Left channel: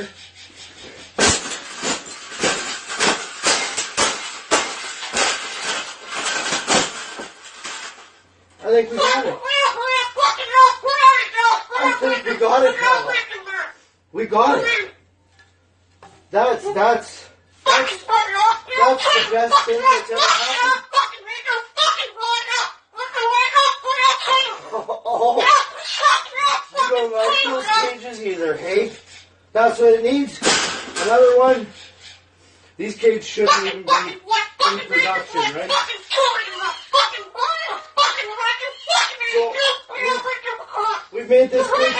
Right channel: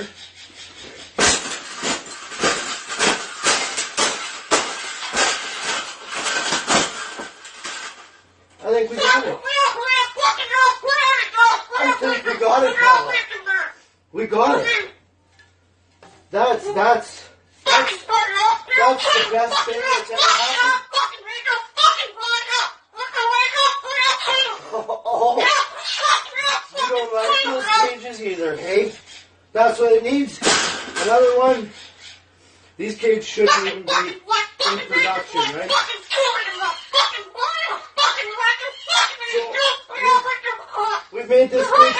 here. I think we got it. I think we got it, Paula. We got it. That's the best thing that's ever happened. Oh, you don't like those cages either, hey? That's what it needs. Another one. These cages shouldn't even be in production, right? So, we've made this big